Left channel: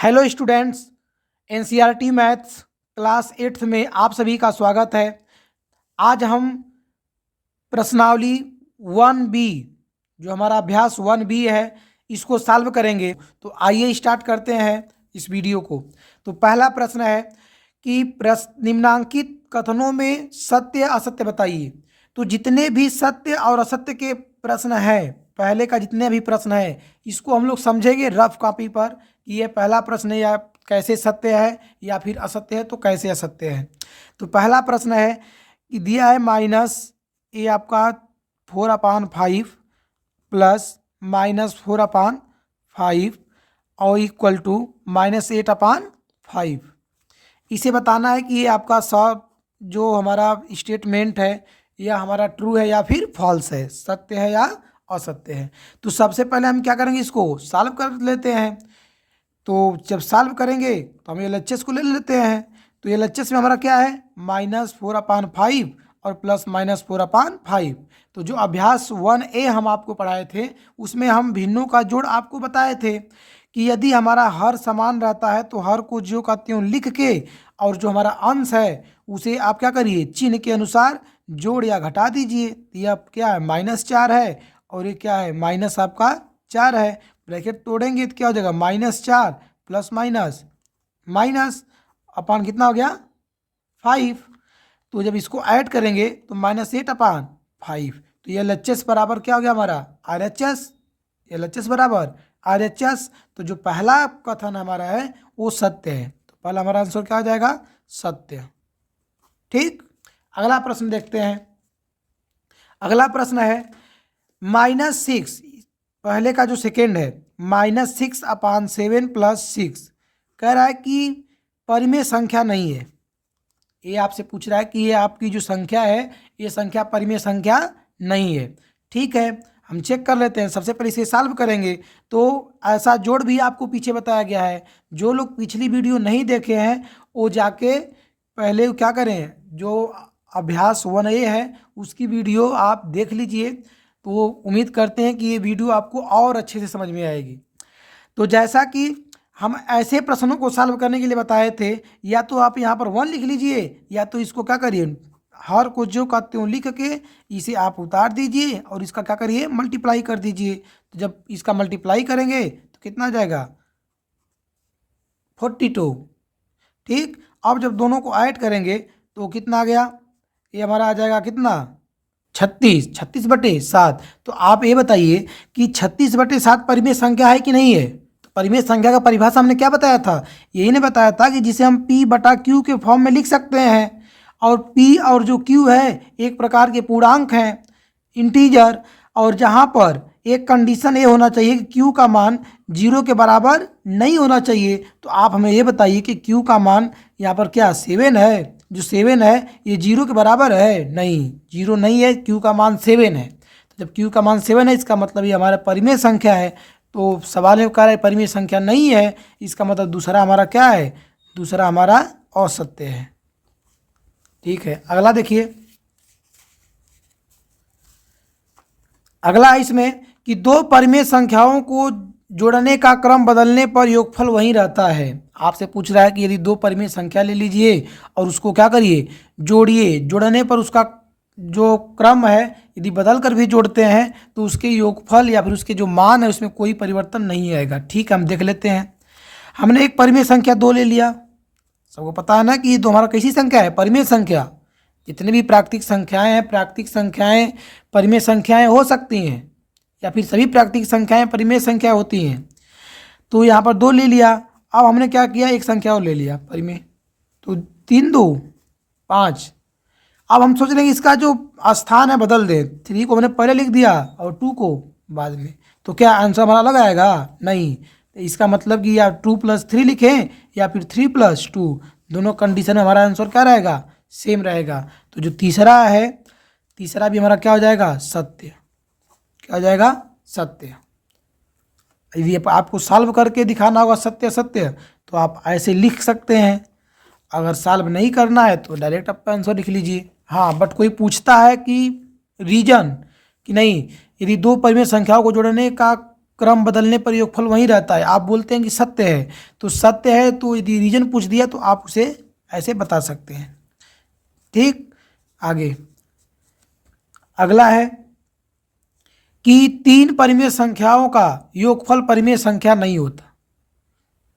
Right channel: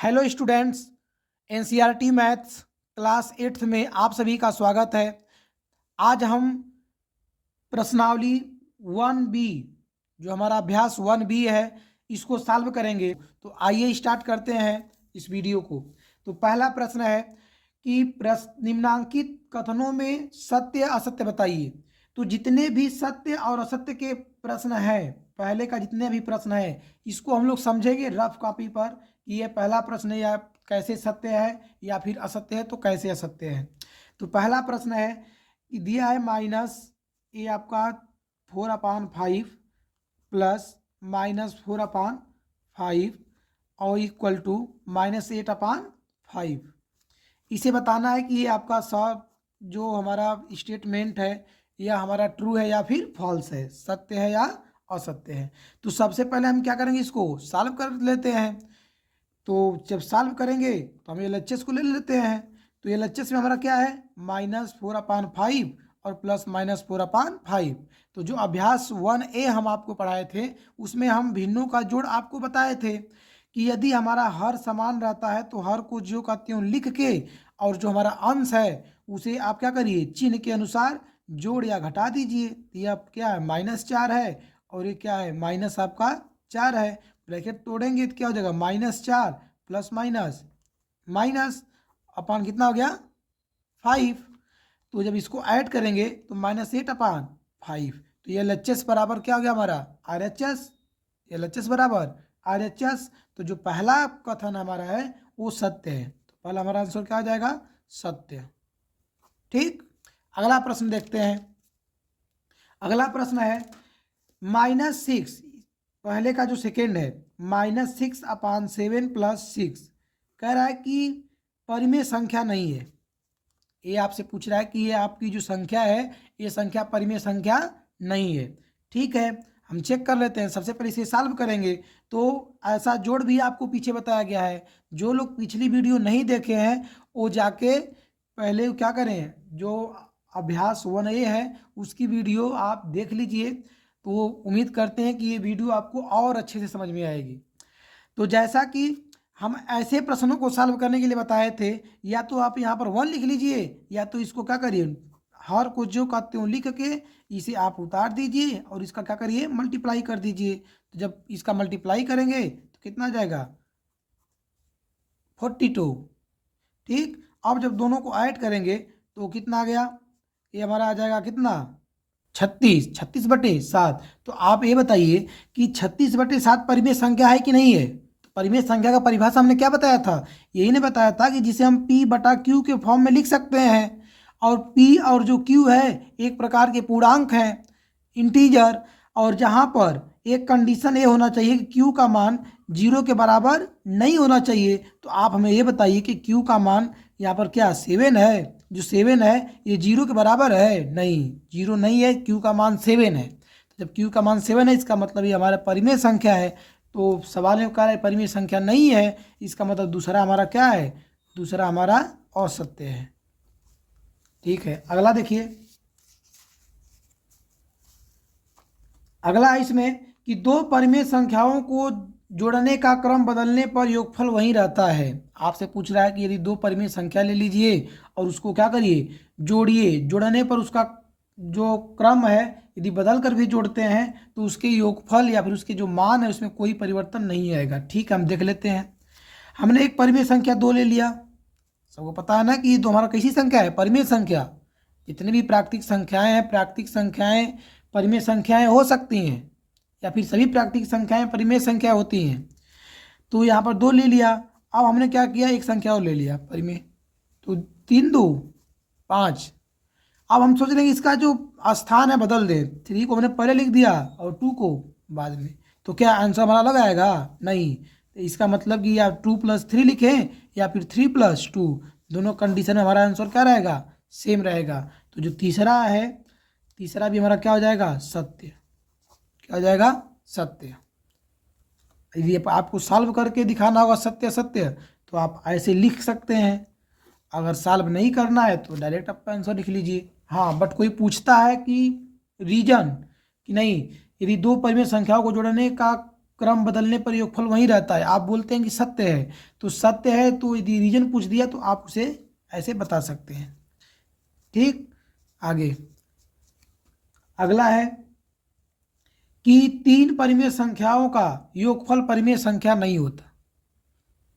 Hello students, NCERT maths class 8th में आप सभी का स्वागत है। आज हम प्रश्नावली 1B जो हमारा अभ्यास 1B है इसको सॉल्व करेंगे। तो आइए स्टार्ट करते हैं इस वीडियो को। तो पहला प्रश्न है कि निम्नांकित कथनों में सत्य असत्य बताइए। तो जितने भी सत्य और असत्य के प्रश्न हैं, पहले का जितने भी प्रश्न हैं इसको हम लोग समझेंगे रफ कॉपी पर कि ये पहला प्रश्न या कैसे सत्य है या फिर असत्य है तो कैसे असत्य है। तो पहला प्रश्न है कि दिया है माइनस ये आपका 4/5 प्लस -4/5 और इक्वल टू -8/5। इसे बताना है कि ये आपका सब जो हमारा स्टेटमेंट है या हमारा ट्रू है या फिर फॉल्स है, सत्य है या असत्य है। तो सबसे पहले हम क्या करेंगे, इसको सॉल्व कर लेते हैं। तो जब सॉल्व करेंगे तो हम LHS को ले लेते हैं। तो LHS में हमारा क्या है, -4/5 और प्लस -4/5। तो जो अभ्यास 1A हम आपको पढ़ाए थे उसमें हम भिन्नों का जोड़ आपको बताए थे कि यदि हमारा हर समान रहता है तो हर को ज्यों का त्यों लिख के और जो हमारा अंश है उसे आप क्या करिए, चिन्ह के अनुसार जोड़ या घटा दीजिए। यह क्या है, -4 है और ये क्या है, माइनस आपका 4 है। ब्रैकेट तोड़ेंगे तो क्या हो जाएगा, -4 प्लस माइनस माइनस अपान कितना हो गया 5। तो जब इसको ऐड करेंगे तो -8/5। तो ये LHS बराबर क्या हो गया हमारा RHS। LHS बराबर RHS। तो जो पहला कथन हमारा है वो सत्य है। तो पहला हमारा आंसर क्या हो जाएगा, सत्य। ठीक, अगला प्रश्न देखते हैं। अगला प्रश्न है -6, पहले का जो सेकेंड है -6/7 + 6 कह रहा है कि परिमेय संख्या नहीं है। ये आपसे पूछ रहा है कि ये आपकी जो संख्या है ये संख्या परिमेय संख्या नहीं है। ठीक है, हम चेक कर लेते हैं। सबसे पहले इसे सॉल्व करेंगे। तो ऐसा जोड़ भी आपको पीछे बताया गया है। जो लोग पिछली वीडियो नहीं देखे हैं वो जाके पहले क्या करें, जो अभ्यास 1A है उसकी वीडियो आप देख लीजिए। तो उम्मीद करते हैं कि ये वीडियो आपको और अच्छे से समझ में आएगी। तो जैसा कि हम ऐसे प्रश्नों को सॉल्व करने के लिए बताए थे, या तो आप यहाँ पर 1 लिख लीजिए या तो इसको क्या करिए, हर को जो का त्यों लिख के इसे आप उतार दीजिए और इसका क्या करिए, मल्टीप्लाई कर दीजिए। तो जब इसका मल्टीप्लाई करेंगे तो कितना आ जाएगा, 42। ठीक, अब जब दोनों को ऐड करेंगे तो कितना आ गया, ये हमारा आ जाएगा कितना, 36/7। तो आप ये बताइए कि 36/7 परिमेय संख्या है कि नहीं है। तो परिमेय संख्या का परिभाषा हमने क्या बताया था, यही ने बताया था कि जिसे हम P/Q के फॉर्म में लिख सकते हैं। और P और जो Q है एक प्रकार के पूर्णांक हैं, इंटीजर। और जहाँ पर एक कंडीशन ये होना चाहिए कि Q का मान 0 के बराबर नहीं होना चाहिए। तो आप हमें ये बताइए कि Q का मान यहाँ पर क्या 7 है, जो 7 है ये 0 के बराबर है, नहीं 0 नहीं है, Q का मान 7 है। तो जब Q का मान 7 है इसका मतलब ये हमारा परिमेय संख्या है। तो सवाल में कह रहा है परिमेय संख्या नहीं है, इसका मतलब दूसरा हमारा क्या है, दूसरा हमारा असत्य है। ठीक है, अगला देखिए। अगला है इसमें कि दो परिमेय संख्याओं को जोड़ने का क्रम बदलने पर योगफल वही रहता है। आपसे पूछ रहा है कि यदि दो परिमेय संख्या ले लीजिए और उसको क्या करिए, जोड़िए। जोड़ने पर उसका जो क्रम है यदि बदल कर भी जोड़ते हैं तो उसके योगफल या फिर उसके जो मान है उसमें कोई परिवर्तन नहीं आएगा। ठीक है, हम देख लेते हैं। हमने एक परिमेय संख्या 2 ले लिया। सबको पता है ना कि ये तो हमारा कैसी संख्या है, परिमेय संख्या। जितनी भी प्राकृतिक संख्याएं हैं, प्राकृतिक संख्याएं परिमेय संख्याएं हो सकती हैं या फिर सभी प्राकृतिक संख्याएं परिमेय संख्या होती हैं। तो यहाँ पर 2 ले लिया। अब हमने क्या किया, एक संख्या और ले लिया परिमेय। तो 3 2 5। अब हम सोच रहे हैं कि इसका जो स्थान है बदल दें। 3 को हमने पहले लिख दिया और 2 को बाद में, तो क्या आंसर हमारा अलग आएगा, नहीं। तो इसका मतलब कि या 2 + 3 लिखें या फिर 3 + 2, दोनों कंडीशन में हमारा आंसर क्या रहेगा, सेम रहेगा। तो जो तीसरा है, तीसरा भी हमारा क्या हो जाएगा, सत्य। क्या हो जाएगा, सत्य। यदि आपको सॉल्व करके दिखाना होगा सत्य सत्य तो आप ऐसे लिख सकते हैं। अगर सॉल्व नहीं करना है तो डायरेक्ट आप आंसर लिख लीजिए। हाँ, बट कोई पूछता है कि रीजन कि नहीं, यदि दो परिमेय संख्याओं को जोड़ने का क्रम बदलने पर योगफल वही रहता है। आप बोलते हैं कि सत्य है, तो सत्य है तो यदि रीजन पूछ दिया तो आप उसे ऐसे बता सकते हैं। ठीक, आगे अगला है कि 3 परिमेय संख्याओं का योगफल परिमेय संख्या नहीं होता।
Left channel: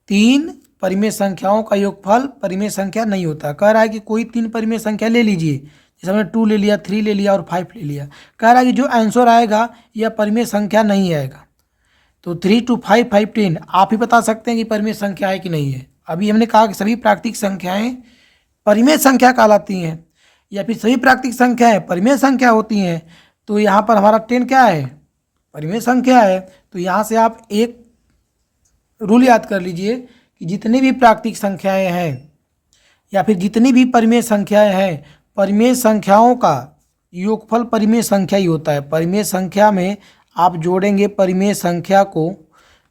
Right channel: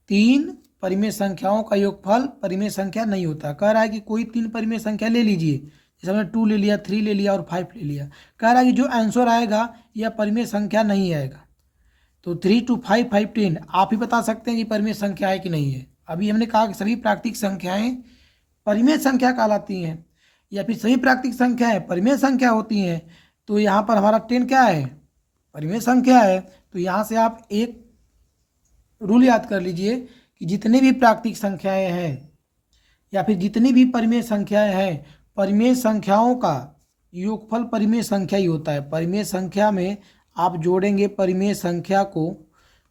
3 परिमेय संख्याओं का योगफल परिमेय संख्या नहीं होता। कह रहा है कि कोई 3 परिमेय संख्या ले लीजिए, जैसे हमने 2 ले लिया, 3 ले लिया और 5 ले लिया। कह रहा है कि जो आंसर आएगा यह परिमेय संख्या नहीं आएगा। तो 3 2 5 5 10 आप ही बता सकते हैं कि परिमेय संख्या है कि नहीं है। अभी हमने कहा कि सभी प्राकृतिक संख्याएं परिमेय संख्या कहलाती हैं, या फिर सभी प्राकृतिक संख्याएं परिमेय संख्या होती हैं। तो यहाँ पर हमारा 10 क्या है, परिमेय संख्या है। तो यहाँ से आप एक रूल याद कर लीजिए कि जितनी भी प्राकृतिक संख्याएं हैं या फिर जितनी भी परिमेय संख्याएं हैं, परिमेय संख्याओं का योगफल परिमेय संख्या ही होता है। परिमेय संख्या में आप जोड़ेंगे परिमेय संख्या को,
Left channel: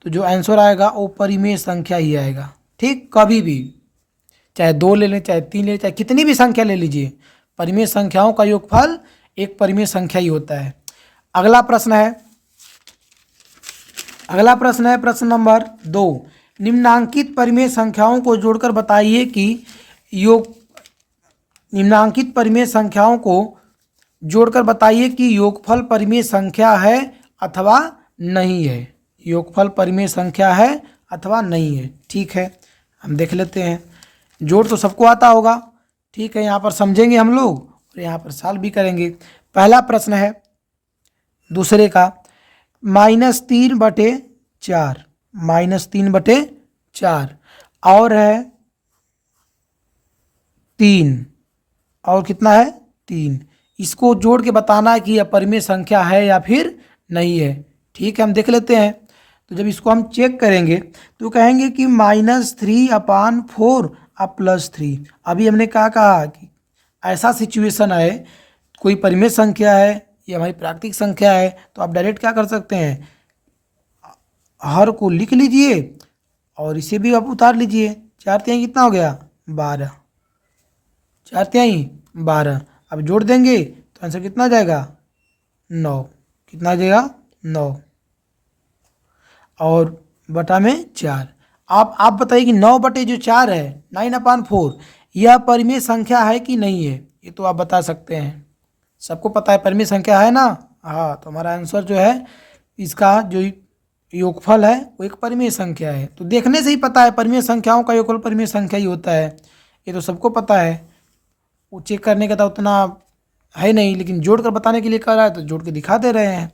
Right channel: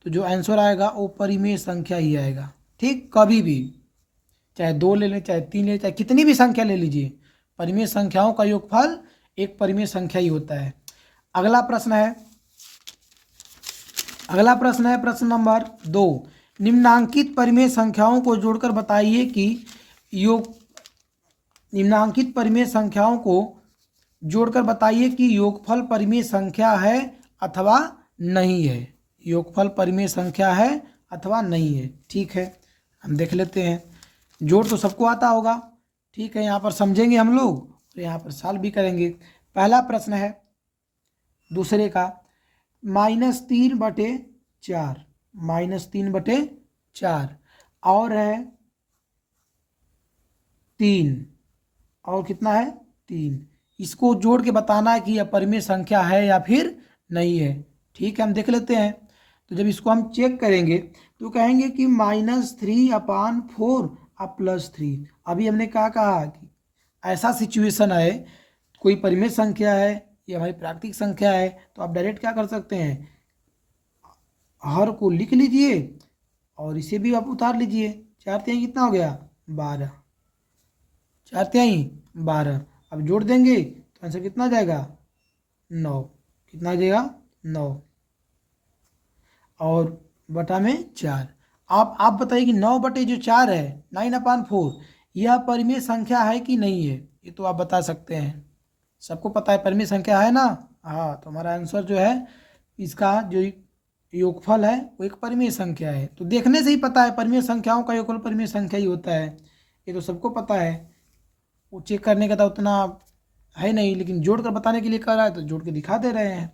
तो जो आंसर आएगा वो परिमेय संख्या ही आएगा। ठीक, कभी भी चाहे 2 ले लें, चाहे 3 ले लें, चाहे कितनी भी संख्या ले लीजिए, परिमेय संख्याओं का योगफल एक परिमेय संख्या ही होता है। अगला प्रश्न है प्रश्न नंबर 2। निम्नांकित परिमेय संख्याओं को जोड़कर बताइए कि निम्नांकित परिमेय संख्याओं को जोड़कर बताइए कि योगफल परिमेय संख्या है अथवा नहीं है। योगफल परिमेय संख्या है अथवा नहीं है। ठीक है, हम देख लेते हैं। जोड़ तो सबको आता होगा। ठीक है, यहाँ पर समझेंगे हम लोग और यहाँ पर सॉल्व भी करेंगे। पहला प्रश्न है दूसरे का, -3/4 -3/4 और है 3 और कितना है 3। इसको जोड़ के बताना है कि यह परिमेय संख्या है या फिर नहीं है। ठीक है, हम देख लेते हैं। तो जब इसको हम चेक करेंगे तो कहेंगे कि -3/4 अब +3। अभी हमने क्या कहा कि ऐसा सिचुएशन है, कोई परिमेय संख्या है या हमारी प्राकृतिक संख्या है, तो आप डायरेक्ट क्या कर सकते हैं, हर को लिख लीजिए और इसे भी आप उतार लीजिए। 4 तिहाई कितना हो गया 12, 4 तिहाई 12। अब जोड़ देंगे तो आंसर कितना आ जाएगा 9। कितना आ जाएगा 9 और बटा में 4। आप बताइए कि 9/4 है 9/4 यह परिमेय संख्या है कि नहीं है। ये तो आप बता सकते हैं, सबको पता है परिमेय संख्या है ना। हाँ, तो हमारा आंसर जो है इसका जो योगफल है वो एक परिमेय संख्या है। तो देखने से ही पता है परिमेय संख्याओं का योगफल परिमेय संख्या ही होता है। ये तो सबको पता है, वो चेक करने का तो उतना है नहीं, लेकिन जोड़ कर बताने के लिए कह रहा है तो जोड़ के दिखा दे रहे हैं।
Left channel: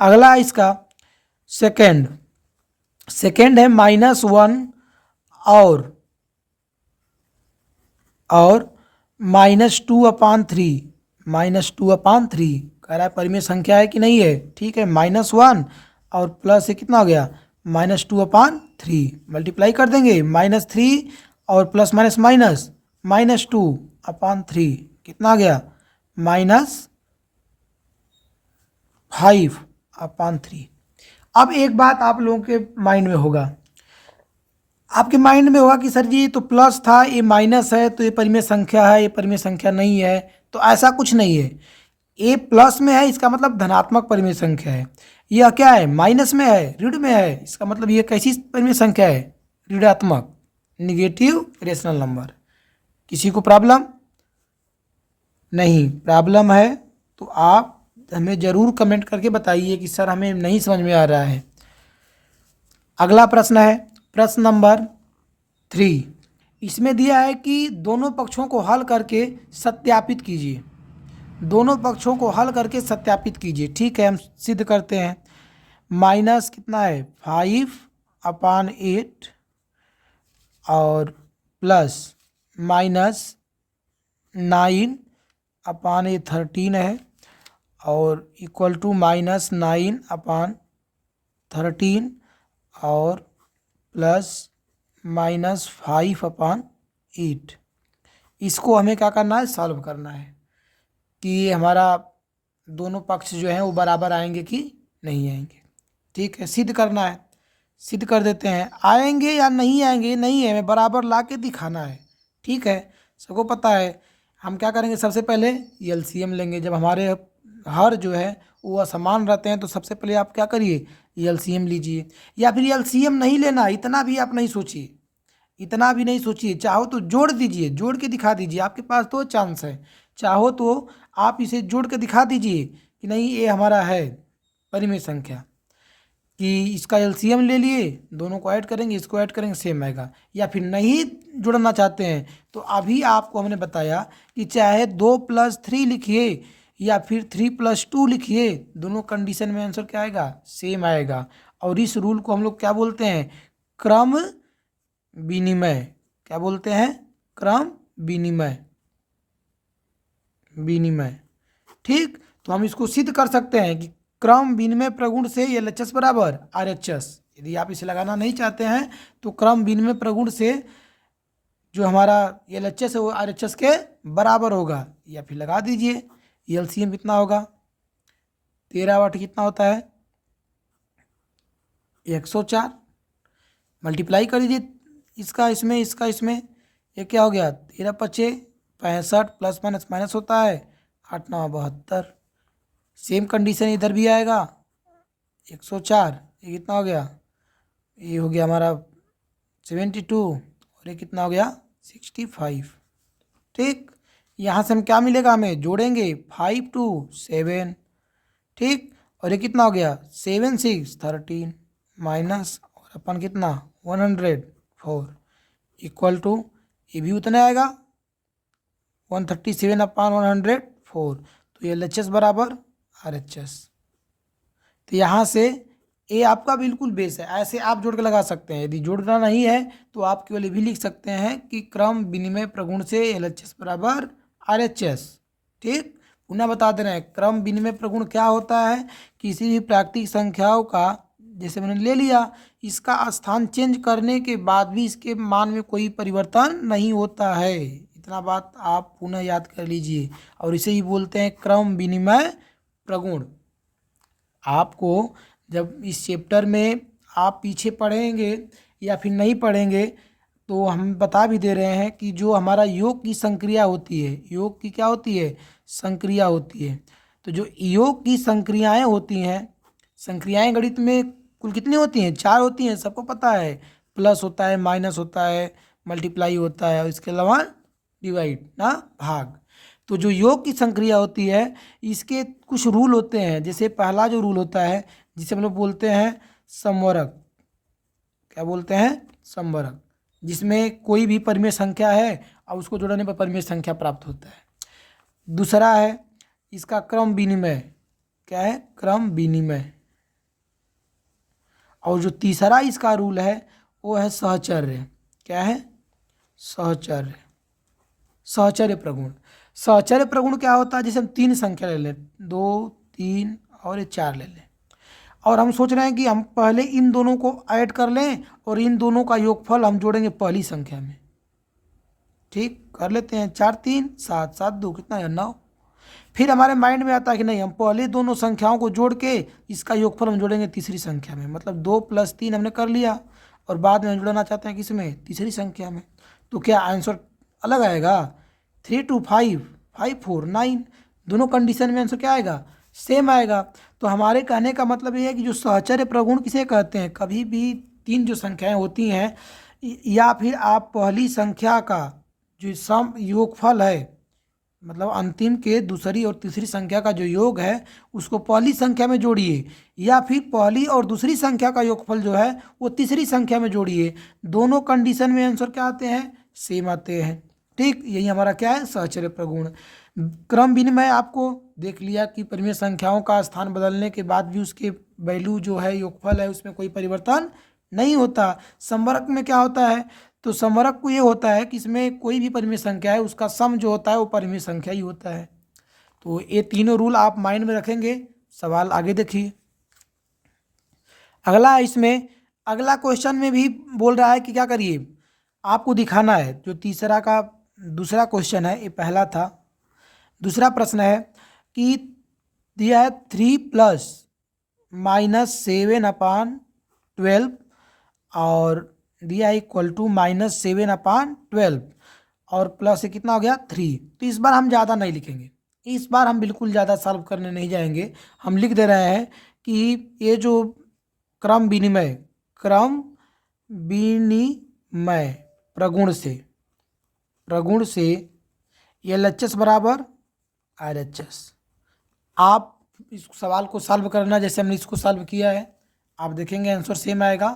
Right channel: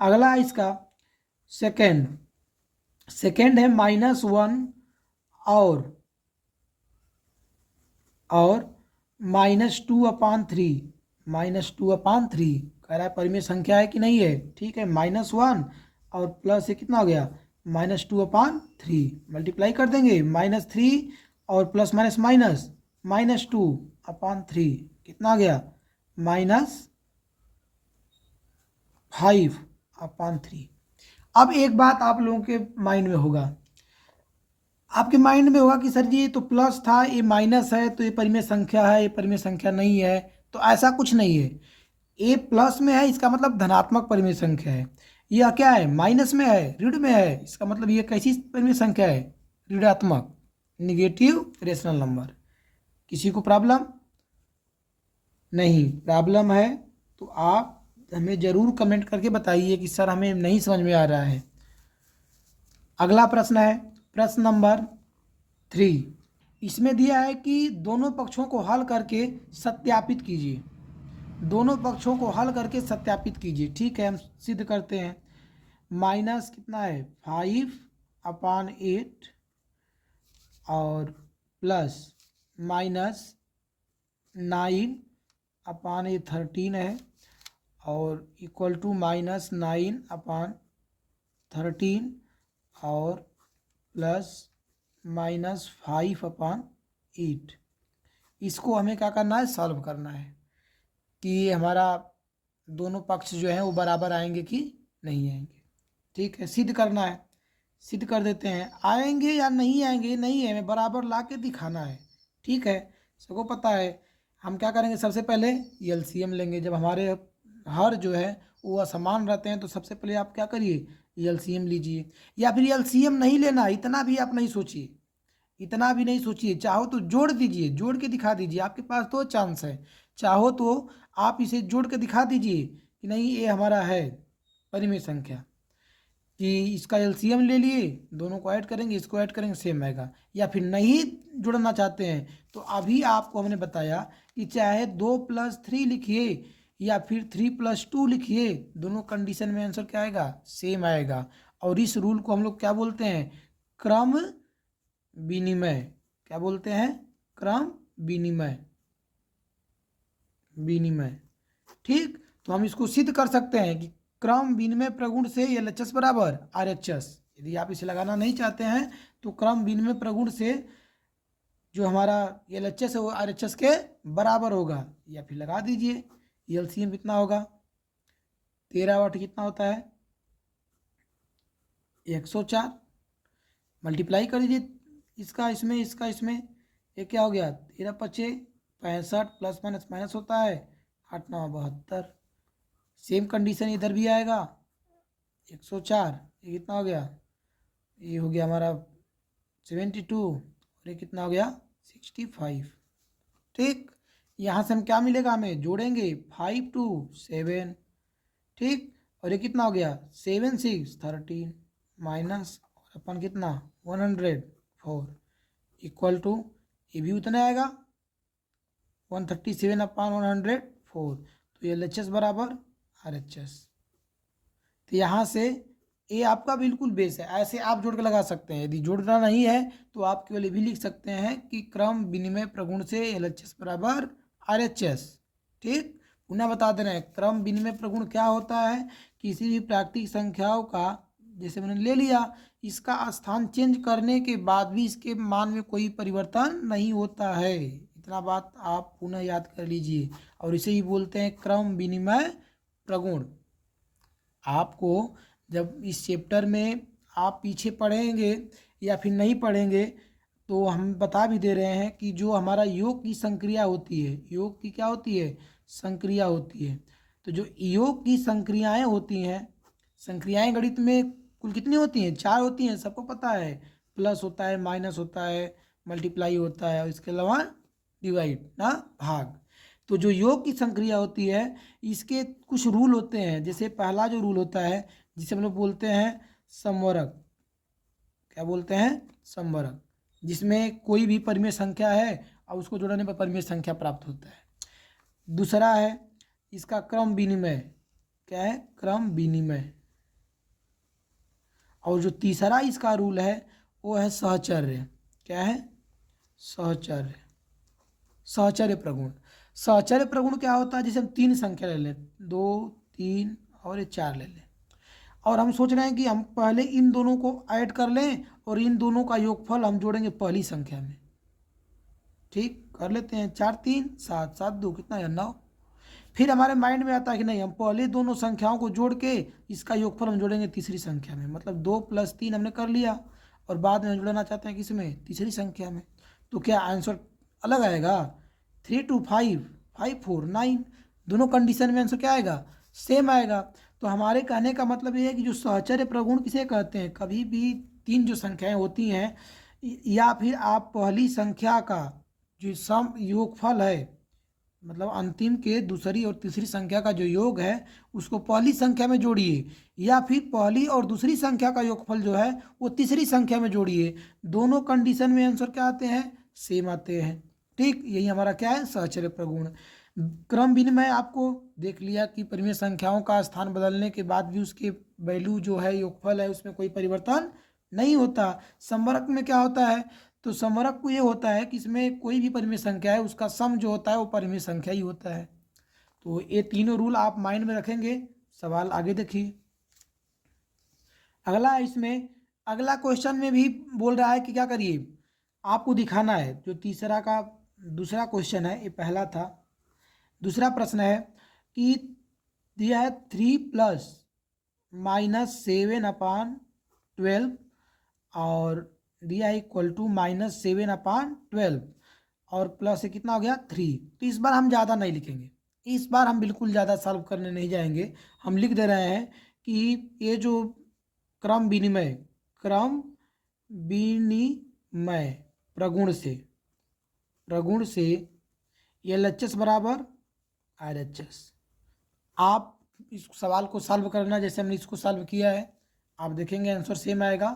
अगला इसका सेकेंड है -1 और -2/3 -2/3 कह रहा है परिमेय संख्या है कि नहीं है। ठीक है, -1 और प्लस से कितना हो गया -2/3 मल्टीप्लाई कर देंगे। -3 और प्लस माइनस माइनस -2/3 कितना आ गया -5/3। अब एक बात आप लोगों के माइंड में होगा, आपके माइंड में होगा कि सर जी ये तो प्लस था, ये माइनस है, तो ये परिमेय संख्या है, ये परिमेय संख्या नहीं है। तो ऐसा कुछ नहीं है। ये प्लस में है इसका मतलब धनात्मक परिमेय संख्या है। यह क्या है माइनस में है, ऋण में है, इसका मतलब ये कैसी परिमेय संख्या है, ऋणात्मक, निगेटिव रेशनल नंबर। किसी को प्रॉब्लम नहीं, प्रॉब्लम है तो आप हमें ज़रूर कमेंट करके बताइए कि सर हमें नहीं समझ में आ रहा है। अगला प्रश्न है प्रश्न नंबर 3। इसमें दिया है कि दोनों पक्षों को हल करके सत्यापित कीजिए। दोनों पक्षों को हल करके सत्यापित कीजिए। ठीक है, हम सिद्ध करते हैं। माइनस कितना है 5/8 और प्लस -9/13 है और इक्वल टू -9/13 और प्लस -5/8। इसको हमें क्या करना है, सॉल्व करना है कि ये हमारा दोनों पक्ष जो हैं वो बराबर आएंगे कि नहीं आएंगे। ठीक है, सिद्ध करना है, सिद्ध कर देते हैं। आएंगे या नहीं आएंगे नहीं है, हमें बराबर ला के दिखाना है। ठीक है, सबको पता है। हम क्या करेंगे, सबसे पहले एलसीएम लेंगे। जब हमारे हर जो है वो असमान रहते हैं तो सबसे पहले आप क्या करिए, एलसीएम लीजिए, या फिर एलसीएम नहीं लेना, इतना भी आप नहीं सोचिए, इतना भी नहीं सोचिए, चाहो तो जोड़ दीजिए, जोड़ के दिखा दीजिए, आपके पास तो चांस है। चाहो तो आप इसे जोड़ के दिखा दीजिए कि नहीं ये हमारा है परिमेय संख्या, कि इसका एलसीएम ले लिए, दोनों को ऐड करेंगे, इसको ऐड करेंगे, सेम आएगा। या फिर नहीं जुड़ना चाहते हैं तो अभी आपको हमने बताया कि चाहे 2+3 लिखिए या फिर 3+2 लिखिए, दोनों कंडीशन में आंसर क्या आएगा, सेम आएगा। और इस रूल को हम लोग क्या बोलते हैं, क्रम विनिमय। क्या बोलते हैं, क्रम विनिमय, विनिमय। ठीक, तो हम इसको सिद्ध कर सकते हैं कि क्रम विनिमय प्रगुण से एलएचएस बराबर आरएचएस। यदि आप इसे लगाना नहीं चाहते हैं तो क्रम विनिमय प्रगुण से जो हमारा एलएचएस है वो आरएचएस के बराबर होगा, या फिर लगा दीजिए। एलसीएम कितना होगा, 13/8 कितना होता है, 104। मल्टीप्लाई कर दीजिए इसका इसमें, इसका इसमें, ये क्या हो गया, 13×5 65, प्लस माइनस माइनस होता है, 8×9 72। सेम कंडीशन इधर भी आएगा, 104, ये कितना हो गया, ये हो गया हमारा 72, और ये कितना हो गया 65। ठीक, यहाँ से हम क्या मिलेगा, हमें जोड़ेंगे 5 2 7। ठीक, और ये कितना हो गया 7 6 13 माइनस, और अपन कितना 104 इक्वल टू, ये भी उतना आएगा 137/104। तो ये एलएचएस बराबर आरएचएस। तो यहाँ से ये आपका बिल्कुल बेस है, ऐसे आप जोड़ के लगा सकते हैं। यदि जोड़ना नहीं है तो आप केवल ये भी लिख सकते हैं कि क्रम विनिमय प्रगुण से एलएचएस बराबर आरएचएस। ठीक, पुनः बता दे रहे हैं, क्रम विनिमय प्रगुण क्या होता है, किसी भी प्राकृतिक संख्याओं का, जैसे मैंने ले लिया, इसका स्थान चेंज करने के बाद भी इसके मान में कोई परिवर्तन नहीं होता है। इतना बात आप पुनः याद कर लीजिए, और इसे ही बोलते हैं क्रम विनिमय प्रगुण। आपको जब इस चैप्टर में आप पीछे पढ़ेंगे या फिर नहीं पढ़ेंगे तो हम बता भी दे रहे हैं कि जो हमारा योग की संक्रिया होती है, योग की क्या होती है, संक्रिया होती है। तो जो योग की संक्रियाएं होती हैं, संक्रियाएं गणित में कुल कितनी होती हैं, 4 होती हैं, सबको पता है। प्लस होता है, माइनस होता है, मल्टीप्लाई होता है, और इसके अलावा डिवाइड ना, भाग। तो जो योग की संक्रिया होती है इसके कुछ रूल होते हैं। जैसे पहला जो रूल होता है जिसे हम लोग बोलते हैं समवरक। क्या बोलते हैं, समवरक, जिसमें कोई भी परिमेय संख्या है और उसको जोड़ने पर परिमेय संख्या प्राप्त होता है। दूसरा है इसका क्रम विनिमय। क्या है, क्रम विनिमय। और जो तीसरा इसका रूल है वो है सहचर्य। क्या है, सहचर्य, सहचर्य प्रगुण। सहचर्य प्रगुण क्या होता है, जैसे हम 3 संख्या ले लें, 2 3 और ये 4 ले लें, और हम सोच रहे हैं कि हम पहले इन दोनों को ऐड कर लें और इन दोनों का योगफल हम जोड़ेंगे पहली संख्या में। ठीक, कर लेते हैं, 4 3 7 7 2 कितना है 9। फिर हमारे माइंड में आता है कि नहीं, हम पहले दोनों संख्याओं को जोड़ के इसका योगफल हम जोड़ेंगे तीसरी संख्या में। मतलब 2 + 3 हमने कर लिया और बाद में जोड़ना चाहते हैं किसमें, तीसरी संख्या में। तो क्या आंसर अलग आएगा, 3 2 5 5 4 9। दोनों कंडीशन में आंसर क्या आएगा, सेम आएगा। तो हमारे कहने का मतलब ये है कि जो सहचर्य प्रगुण किसे कहते हैं, कभी भी 3 जो संख्याएं होती हैं या फिर आप पहली संख्या का जो सम योगफल है, मतलब अंतिम के दूसरी और तीसरी संख्या का जो योग है उसको पहली संख्या में जोड़िए, या फिर पहली और दूसरी संख्या का योगफल जो है वो तीसरी संख्या में जोड़िए। दोनों कंडीशन में आंसर क्या आते हैं, सेम आते हैं। ठीक, यही हमारा क्या है, सहचर्य प्रगुण। क्रम विनिमय आपको देख लिया कि परिमेय संख्याओं का स्थान बदलने के बाद भी उसके वैल्यू जो है, योगफल है, उसमें कोई परिवर्तन नहीं होता। समवरक में क्या होता है, तो समवरक को ये होता है कि इसमें कोई भी परिमेय संख्या है उसका सम जो होता है वो परिमेय संख्या ही होता है। तो ये तीनों रूल आप माइंड में रखेंगे। सवाल आगे देखिए। अगला है, इसमें अगला क्वेश्चन में भी बोल रहा है कि क्या करिए, आपको दिखाना है। जो तीसरा का दूसरा क्वेश्चन है, ये पहला था। दूसरा प्रश्न है कि दिया है 3 + -7/12 और दिया है इक्वल टू -7/12 और प्लस से कितना हो गया 3। तो इस बार हम ज़्यादा नहीं लिखेंगे, इस बार हम बिल्कुल ज़्यादा सॉल्व करने नहीं जाएंगे। हम लिख दे रहे हैं कि ये जो क्रम विनिमय, क्रम विनिमय प्रगुण से LHS बराबर RHS। आप इस सवाल को सॉल्व करना जैसे हमने इसको सॉल्व किया है, आप देखेंगे आंसर सेम आएगा।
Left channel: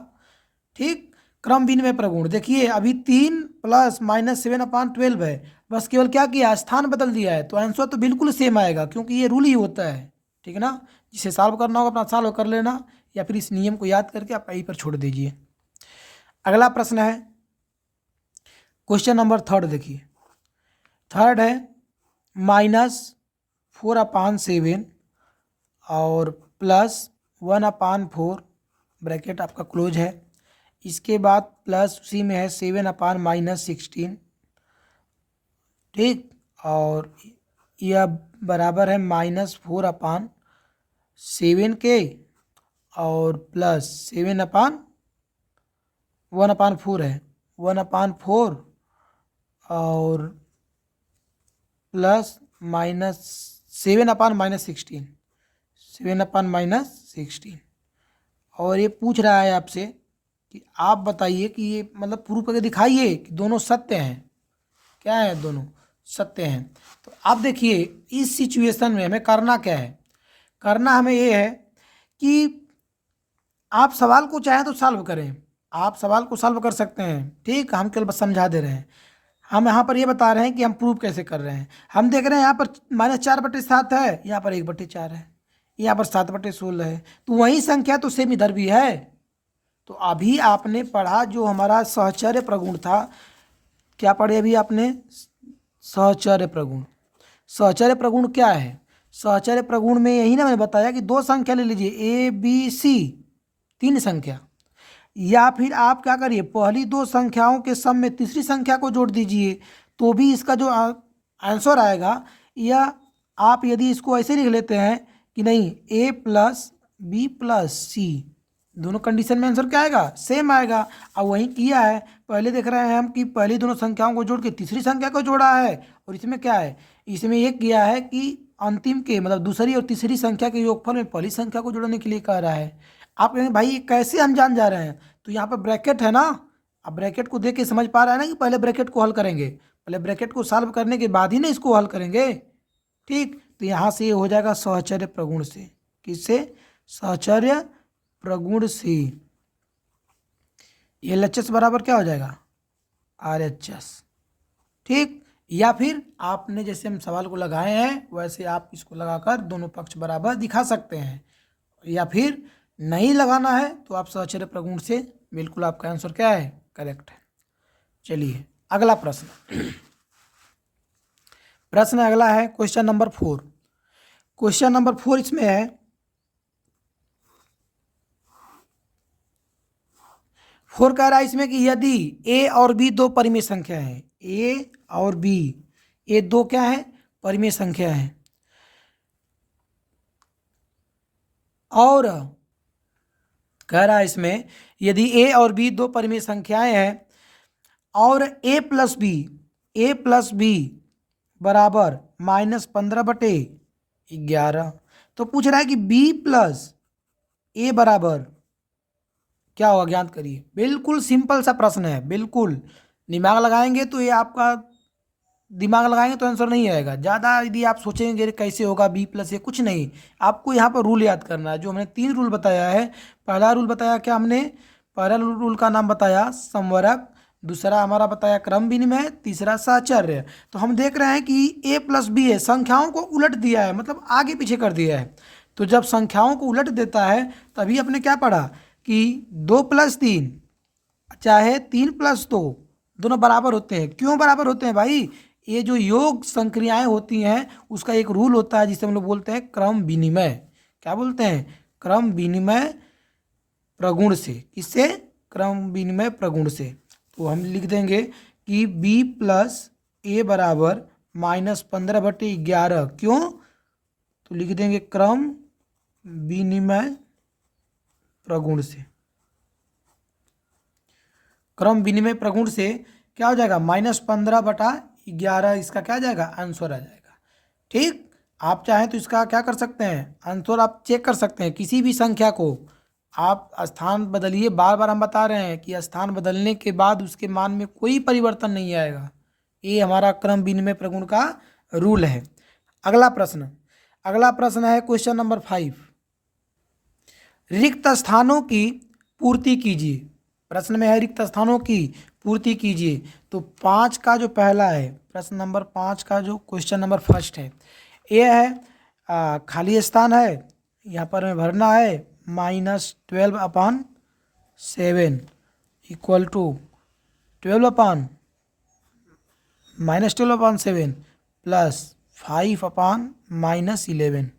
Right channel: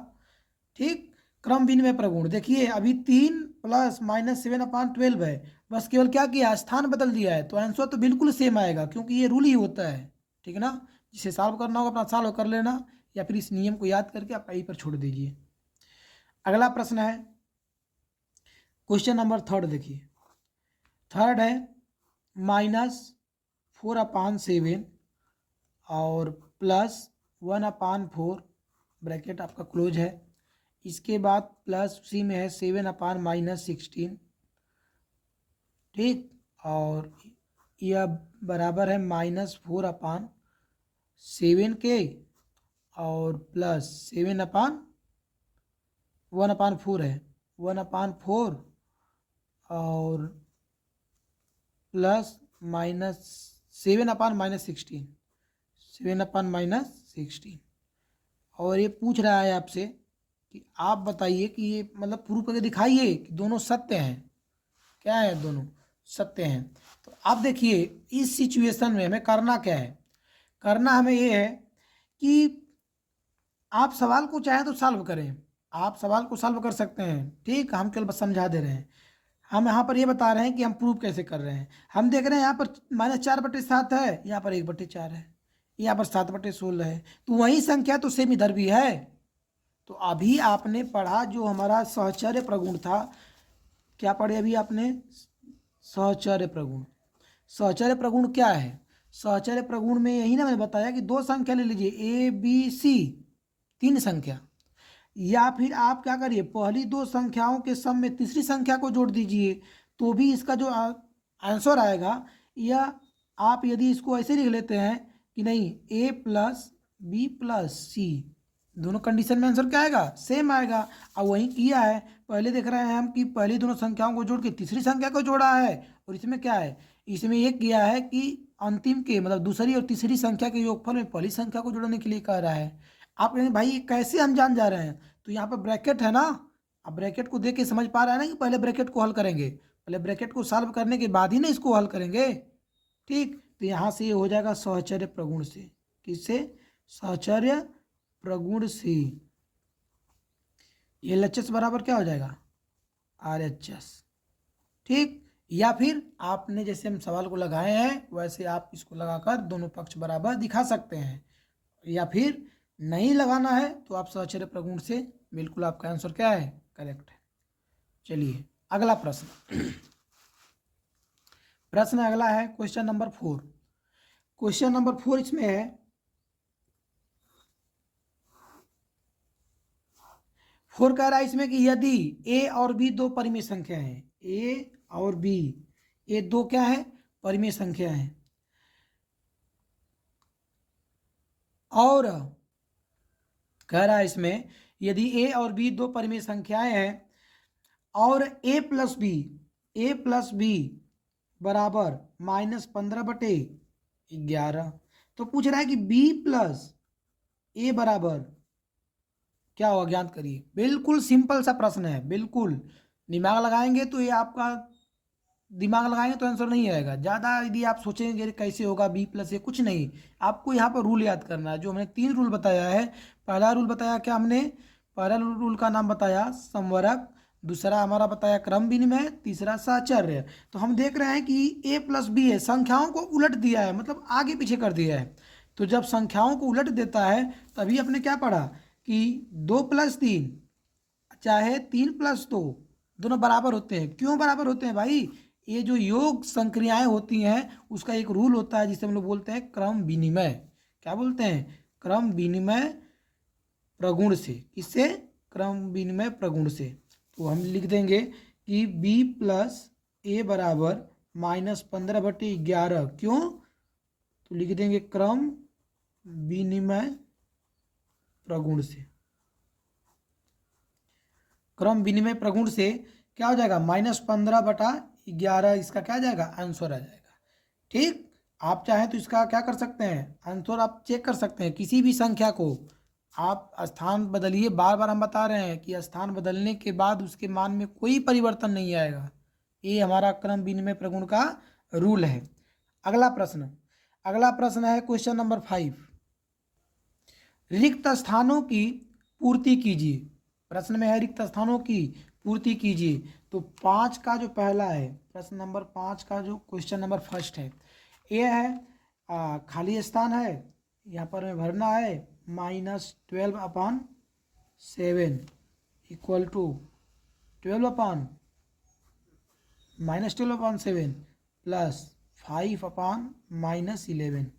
ठीक, क्रम विनिमय प्रगुण देखिए अभी 3 + -7/12 है, बस केवल क्या किया, स्थान बदल दिया है, तो आंसर तो बिल्कुल सेम आएगा क्योंकि ये रूल ही होता है। ठीक है ना, जिसे सॉल्व करना होगा अपना सॉल्व कर लेना, या फिर इस नियम को याद करके आप यहीं पर छोड़ दीजिए। अगला प्रश्न है क्वेश्चन नंबर 3 देखिए। थर्ड है -4/7 और +1/4 ब्रैकेट आपका क्लोज है। इसके बाद प्लस उसी में है 7/-16। ठीक, और यह बराबर है -4/7 के और प्लस 7/1/4 है, 1/4 और प्लस -7/-16, 7/-16। और ये पूछ रहा है आपसे कि आप बताइए कि ये मतलब प्रूफ करके दिखाइए कि दोनों सत्य हैं। क्या है, दोनों सत्य हैं। तो आप देखिए इस सिचुएशन में हमें करना क्या है, करना हमें ये है कि आप सवाल को चाहें तो सॉल्व करें, आप सवाल को सॉल्व कर सकते हैं। ठीक, हम केवल बस समझा दे रहे हैं। हम यहाँ पर ये बता रहे हैं कि हम प्रूफ कैसे कर रहे हैं। हम देख रहे हैं यहाँ पर -4/7 है, यहाँ पर 1/4 है, यहाँ पर 7/16 है, तो वही संख्या तो सेम इधर भी है। तो अभी आपने पढ़ा जो हमारा सहचर्य प्रगुण था, क्या पढ़े अभी आपने, सहचर्य प्रगुण। सहचर्य प्रगुण क्या है, सहचर्य प्रगुण में यही ना मैंने बताया कि 2 संख्या ले लीजिए ABC, 3 संख्या, या फिर आप क्या करिए पहली 2 संख्याओं के सम में तीसरी संख्या को जोड़ दीजिए, तो भी इसका जो आंसर आएगा, या आप यदि इसको ऐसे लिख लेते हैं कि नहीं A + B + C, दोनों कंडीशन में आंसर क्या आएगा, सेम आएगा। अब वही किया है, पहले देख रहे हैं हम कि पहली दोनों संख्याओं को जोड़ के तीसरी संख्या को जोड़ा है, और इसमें क्या है, इसमें ये किया है कि अंतिम के मतलब दूसरी और तीसरी संख्या के योगफल में पहली संख्या को जोड़ने के लिए कह रहा है। आप कहेंगे भाई ये कैसे हम जान जा रहे हैं, तो यहाँ पर ब्रैकेट है ना, अब ब्रैकेट को देख के समझ पा रहा है ना कि पहले ब्रैकेट को हल करेंगे, पहले ब्रैकेट को सॉल्व करने के बाद ही ना इसको हल करेंगे। ठीक, तो यहाँ से ये हो जाएगा सहचर्य प्रगुण से, किससे, सहचर्य प्रगुण से। LHS बराबर क्या हो जाएगा, RHS। ठीक, या फिर आपने जैसे हम सवाल को लगाए हैं वैसे आप इसको लगाकर दोनों पक्ष बराबर दिखा सकते हैं, या फिर नहीं लगाना है तो आप सहचर्य प्रगुण से बिल्कुल आपका आंसर क्या है, करेक्ट है। चलिए अगला प्रश्न, प्रश्न अगला है क्वेश्चन नंबर 4। क्वेश्चन नंबर 4 इसमें है, फोर कह रहा है इसमें कि यदि A और B 2 परिमेय संख्या है, A और B ये 2 क्या है, परिमेय संख्या है, और कह रहा है इसमें यदि A और B 2 परिमेय संख्याएं हैं और A + B बराबर -15/11, तो पूछ रहा है कि B + A बराबर क्या होगा, ज्ञात करिए। बिल्कुल सिंपल सा प्रश्न है, बिल्कुल दिमाग लगाएंगे तो ये आपका, दिमाग लगाएंगे तो आंसर नहीं आएगा। ज़्यादा यदि आप सोचेंगे कैसे होगा B + A, कुछ नहीं, आपको यहाँ पर रूल याद करना है। जो हमने 3 रूल बताया है, पहला रूल बताया क्या हमने, पहला रूल का नाम बताया समवर्ग, दूसरा हमारा बताया क्रम विनिमय, तीसरा साहचर्य। तो हम देख रहे हैं कि A + B है, संख्याओं को उलट दिया है, मतलब आगे पीछे कर दिया है। तो जब संख्याओं को उलट देता है तभी आपने क्या पढ़ा कि 2 + 3 चाहे 3 + 2 दोनों बराबर होते हैं। क्यों बराबर होते हैं भाई, ये जो योग संक्रियाएं होती हैं उसका एक रूल होता है जिसे हम लोग बोलते हैं क्रम विनिमय। क्या बोलते हैं, क्रम विनिमय प्रगुण से। किससे, क्रम विनिमय प्रगुण से। तो हम लिख देंगे कि B + A बराबर -15/11, क्यों, तो लिख देंगे क्रम विनिमय प्रगुण से। क्रम विनिमय प्रगुण से क्या हो जाएगा, -15/11, इसका क्या आ जाएगा, आंसर आ जाएगा। ठीक, आप चाहें तो इसका क्या कर सकते हैं, आंसर आप चेक कर सकते हैं, किसी भी संख्या को आप स्थान बदलिए, बार बार हम बता रहे हैं कि स्थान बदलने के बाद उसके मान में कोई परिवर्तन नहीं आएगा। ये हमारा क्रम विनिमय प्रगुण का रूल है। अगला प्रश्न है क्वेश्चन नंबर 5। रिक्त स्थानों की पूर्ति कीजिए। प्रश्न में है रिक्त स्थानों की पूर्ति कीजिए। तो 5 का जो पहला है, प्रश्न नंबर 5 का जो क्वेश्चन नंबर फर्स्ट है, ये है खाली स्थान है, यहाँ पर हमें भरना है -12/7 इक्वल टू 12/7 प्लस 5/-11।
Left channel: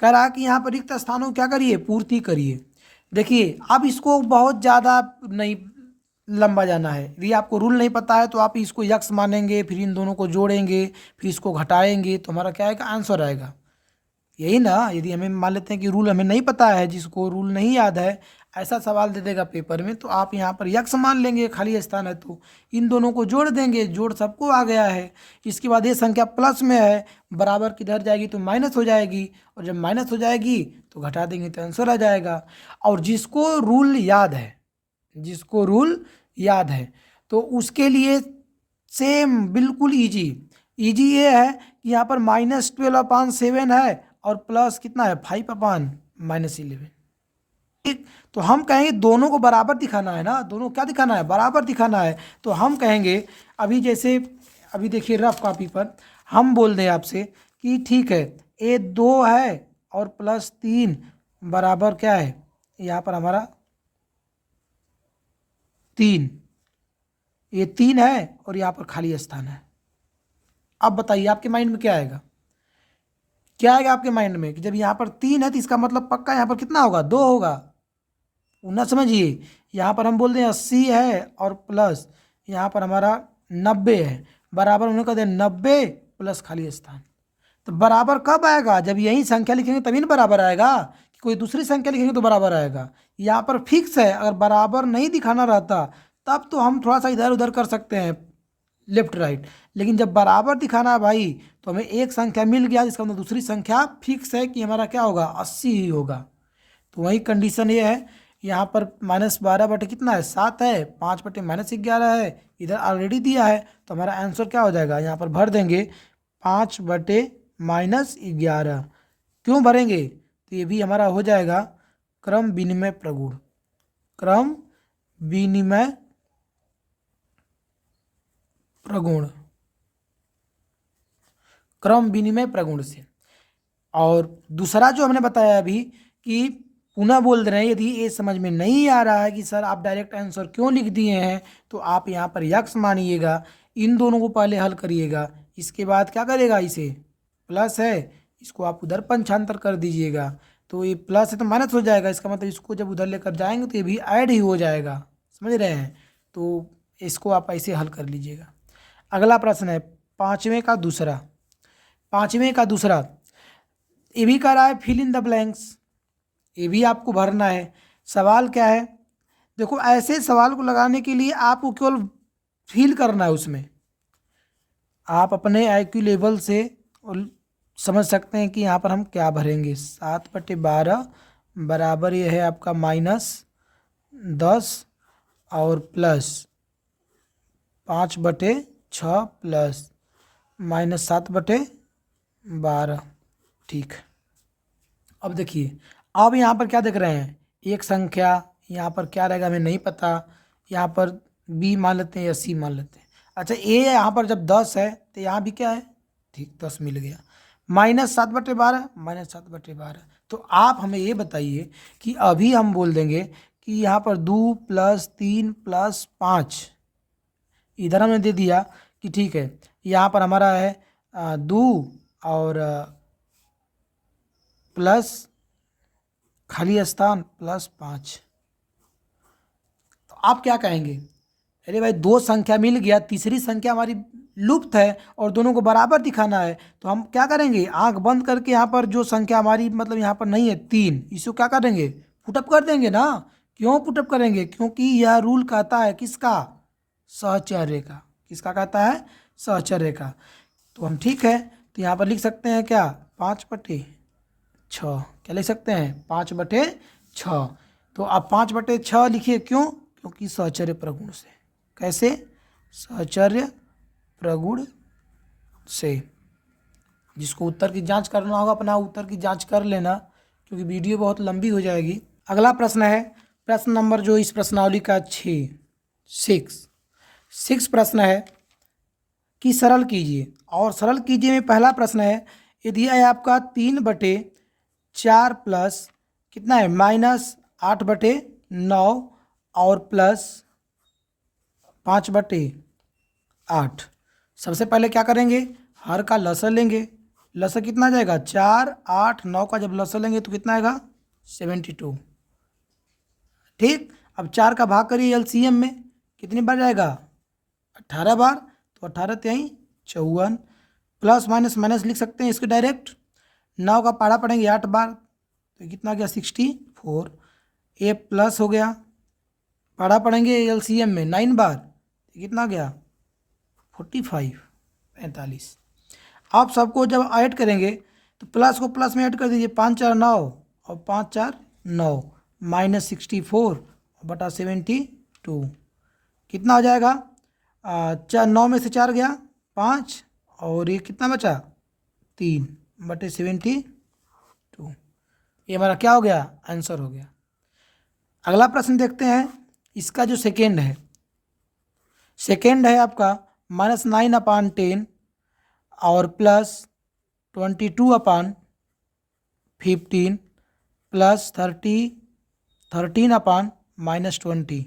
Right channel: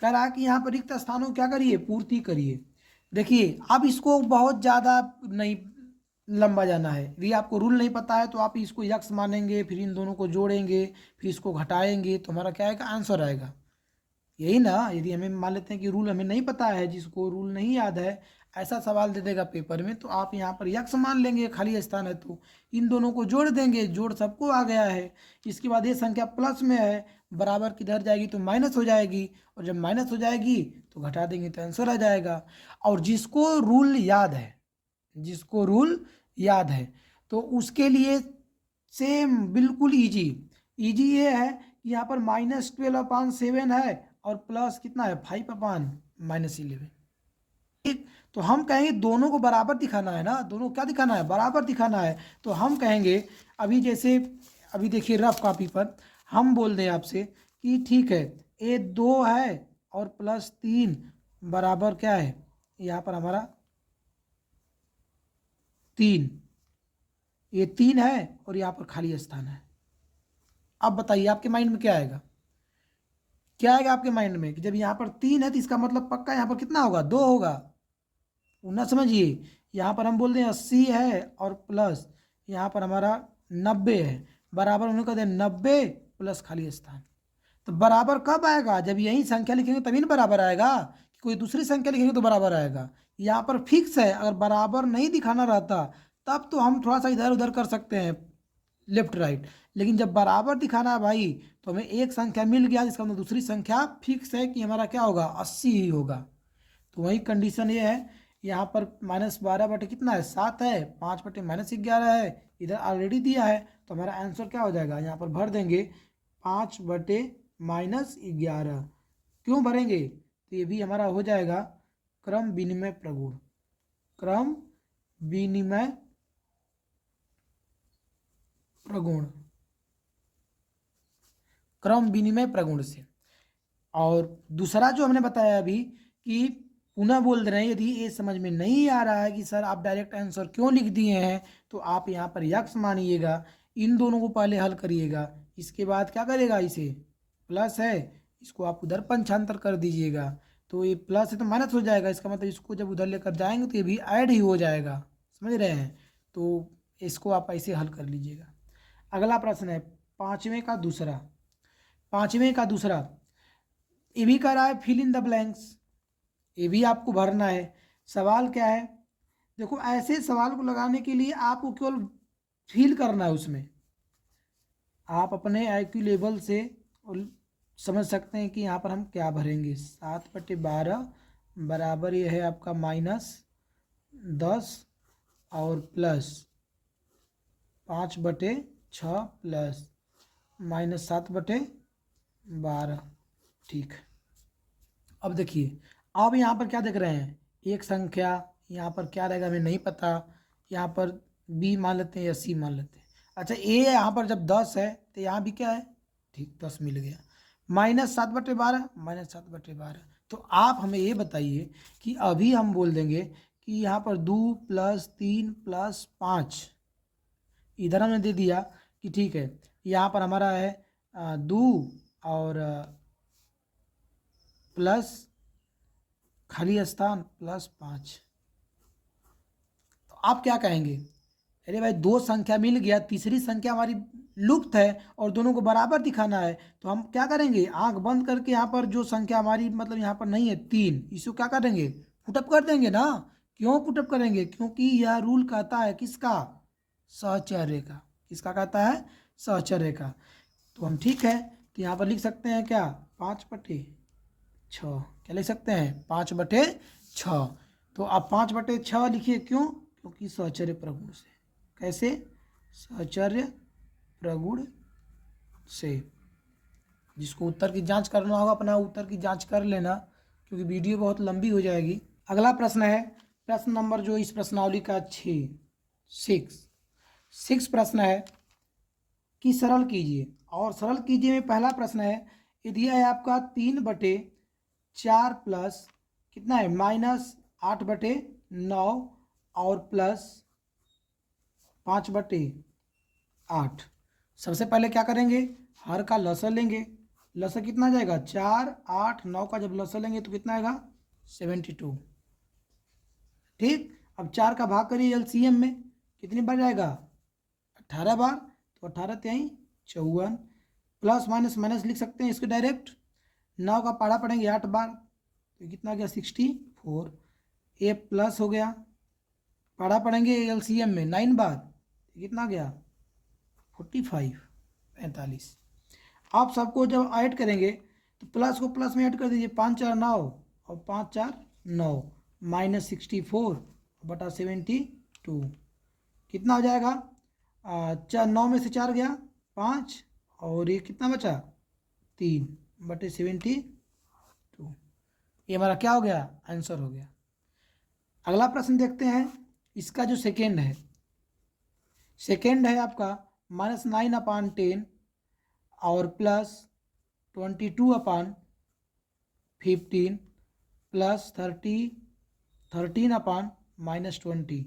कह रहा कि यहाँ पर रिक्त स्थानों को क्या करिए, पूर्ति करिए। देखिए अब इसको बहुत ज़्यादा नहीं लंबा जाना है। यदि आपको रूल नहीं पता है तो आप इसको यक्स मानेंगे, फिर इन दोनों को जोड़ेंगे, फिर इसको घटाएंगे, तो हमारा क्या आएगा, आंसर आएगा। यही ना, यदि हमें मान लेते हैं कि रूल हमें नहीं पता है, जिसको रूल नहीं याद है, ऐसा सवाल दे देगा पेपर में, तो आप यहाँ पर यक्स मान लेंगे, खाली स्थान है तो इन दोनों को जोड़ देंगे, जोड़ सबको आ गया है। इसके बाद ये संख्या प्लस में है, बराबर किधर जाएगी तो माइनस हो जाएगी, और जब माइनस हो जाएगी तो घटा देंगे तो आंसर आ जाएगा। और जिसको रूल याद है तो उसके लिए सेम बिल्कुल ईजी ये है कि यहाँ पर -12/7 है और प्लस कितना है 5/-11। ठीक, तो हम कहेंगे दोनों को बराबर दिखाना है ना, दोनों क्या दिखाना है, बराबर दिखाना है। तो हम कहेंगे अभी जैसे अभी देखिए रफ कॉपी पर हम बोल दें आपसे कि ठीक है ये 2 है और प्लस 3 बराबर क्या है, यहाँ पर हमारा 3, ये 3 है और यहाँ पर खाली स्थान है। अब बताइए आपके माइंड में क्या आएगा, आपके माइंड में कि जब यहाँ पर 3 है तो इसका मतलब पक्का यहाँ पर कितना होगा, 2 होगा। ना समझिए, यहाँ पर हम बोल दें 80 है और प्लस यहाँ पर हमारा 90 है, बराबर उन्होंने कह दिया 90 प्लस खाली स्थान। तो बराबर कब आएगा, जब यही संख्या लिखेंगे तभी ना बराबर आएगा, कोई दूसरी संख्या लिखेंगे तो बराबर आएगा। यहाँ पर फिक्स है, अगर बराबर नहीं दिखाना रहता तब तो हम थोड़ा सा इधर उधर कर सकते हैं, लेफ्ट राइट, लेकिन जब बराबर दिखाना है भाई तो हमें एक संख्या मिल गया, जिसका मतलब दूसरी संख्या फिक्स है कि हमारा क्या होगा, 80 ही होगा। तो वही कंडीशन ये है, यहाँ पर -12 कितना है, 7 है, 5/-11 है, इधर ऑलरेडी दिया है, तो हमारा आंसर क्या हो जाएगा, यहाँ पर भर देंगे 5/-11। क्यों भरेंगे, तो ये भी हमारा हो जाएगा क्रम विनिमय प्रगुण, क्रम विनिमय प्रगुण से। और दूसरा जो हमने बताया अभी कि पुनः बोल रहे हैं, यदि ये समझ में नहीं आ रहा है कि सर आप डायरेक्ट आंसर क्यों लिख दिए हैं, तो आप यहाँ पर यक्स मानिएगा, इन दोनों को पहले हल करिएगा, इसके बाद क्या करेगा, इसे प्लस है इसको आप उधर पंचांतर कर दीजिएगा, तो ये प्लस है तो माइनस हो जाएगा, इसका मतलब इसको जब उधर लेकर जाएंगे तो ये भी ऐड ही हो जाएगा, समझ रहे हैं। तो इसको आप ऐसे हल कर लीजिएगा। अगला प्रश्न है पाँचवें का दूसरा, ये भी कह रहा है फिल इन द ब्लैंक्स, ये भी आपको भरना है। सवाल क्या है, देखो ऐसे सवाल को लगाने के लिए आपको केवल फील करना है, उसमें आप अपने IQ लेवल से समझ सकते हैं कि यहाँ पर हम क्या भरेंगे। 7/12 बराबर ये है आपका -10 और प्लस 5/6 प्लस -7/12। ठीक, अब देखिए, अब यहाँ पर क्या देख रहे हैं, एक संख्या, यहाँ पर क्या रहेगा हमें नहीं पता, यहाँ पर B मान लेते हैं या C मान लेते हैं। अच्छा A यहाँ पर जब 10 है तो यहाँ भी क्या है, ठीक 10 मिल गया, -7/12 तो आप हमें ये बताइए कि अभी हम बोल देंगे कि यहाँ पर 2 + 3 + 5, इधर हमने दे दिया कि ठीक है यहाँ पर हमारा है 2 और प्लस खाली स्थान +5। तो आप क्या कहेंगे, अरे भाई 2 संख्या मिल गया, तीसरी संख्या हमारी लुप्त है और दोनों को बराबर दिखाना है, तो हम क्या करेंगे, आंख बंद करके यहाँ पर जो संख्या हमारी मतलब यहाँ पर नहीं है 3, इसको क्या करेंगे, पुटअप कर देंगे ना। क्यों पुटअप करेंगे, क्योंकि यह रूल कहता है किसका, सहचर्य का। किसका कहता है, सहचर्य का। तो हम ठीक है, तो यहाँ पर लिख सकते हैं क्या, 5/6, क्या लिख सकते हैं, 5/6। तो आप 5/6 लिखिए, क्यों? क्योंकि सहचर्य प्रगुण से। कैसे? सहचर्य प्रगुण से। जिसको उत्तर की जांच करना होगा अपना उत्तर की जांच कर लेना, क्योंकि वीडियो बहुत लंबी हो जाएगी। अगला प्रश्न है प्रश्न नंबर जो इस प्रश्नावली का 6 प्रश्न है कि सरल कीजिए। और सरल कीजिए में पहला प्रश्न है, यदि है आपका 3/4 प्लस कितना है -8/9 और प्लस 5/8। सबसे पहले क्या करेंगे, हर का लसर लेंगे। लसर कितना आ जाएगा? 4, 8, 9 का जब लसर लेंगे तो कितना आएगा? 72। ठीक, अब 4 का भाग करिए एलसीएम में, कितनी बार जाएगा? 18 बार। तो 18 × 54, प्लस माइनस माइनस लिख सकते हैं इसके डायरेक्ट। 9 का पारा पढ़ेंगे 8 बार, तो कितना गया? 64। ए प्लस हो गया, पारा पढ़ेंगे एलसीएम में 9 बार, तो कितना गया? 45। आप सबको जब ऐड करेंगे तो प्लस को प्लस में ऐड कर दीजिए, 5 4 9 और 5 4 9 -64/72 कितना हो जाएगा? 9 में से 4 गया 5, और ये कितना बचा? 3/72। ये हमारा क्या हो गया? आंसर हो गया। अगला प्रश्न देखते हैं। इसका जो सेकेंड है आपका -9/10 और प्लस 22/15 प्लस 13/-20।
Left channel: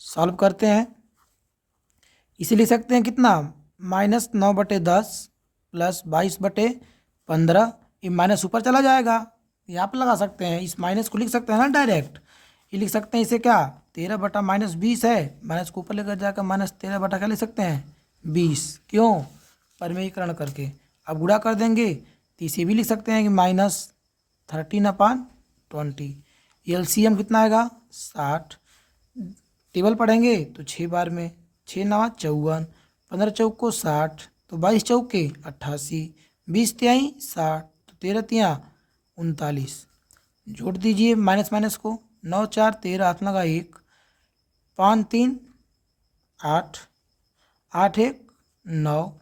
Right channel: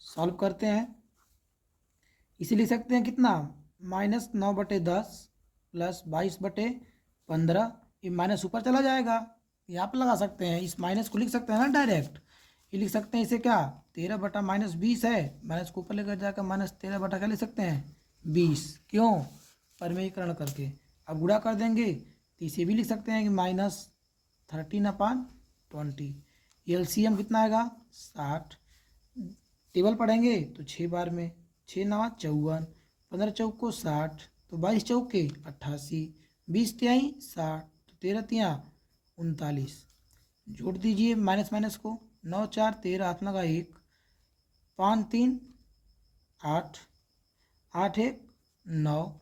सॉल्व करते हैं। इसे लिख सकते हैं कितना? -9/10 प्लस 22/15। ये माइनस ऊपर चला जाएगा, यहाँ पर लगा सकते हैं, इस माइनस को लिख सकते हैं ना डायरेक्ट। ये लिख सकते हैं इसे क्या? 13/-20 है, माइनस को ऊपर लेकर जाकर -13/ क्या लिख सकते हैं? 20। क्यों? परिमेयीकरण करके। अब गुणा कर देंगे तो इसे भी लिख सकते हैं कि -13/20। एलसीएम कितना आएगा? 60। टेबल पढ़ेंगे तो 6 बार में 6 9 54, 15 चौक को 60, तो 22 चौक के 88, 20 तिहाई 60, तो 13 तिया 39। जोड़ दीजिए माइनस माइनस को, 9 4 13, हाथ लगा 1, 5 3 8, 8 1 9,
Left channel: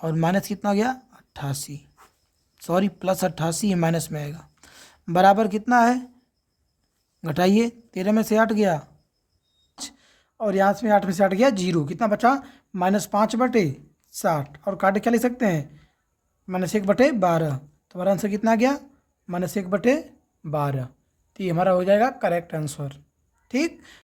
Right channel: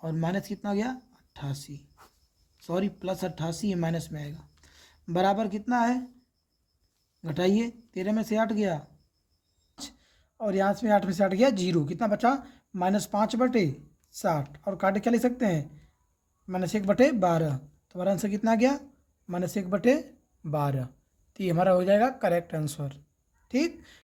और माइनस कितना हो गया? 88। सॉरी प्लस 88 है, माइनस में आएगा। बराबर कितना है? घटाइए, 13 में से 8 गया, और यहाँ से 8 में से 8 गया 0। कितना बचा? -5/60। और काटे क्या ले सकते हैं? -1/12। तो हमारा आंसर कितना गया? -1/12। तो ये हमारा हो जाएगा करेक्ट आंसर। ठीक।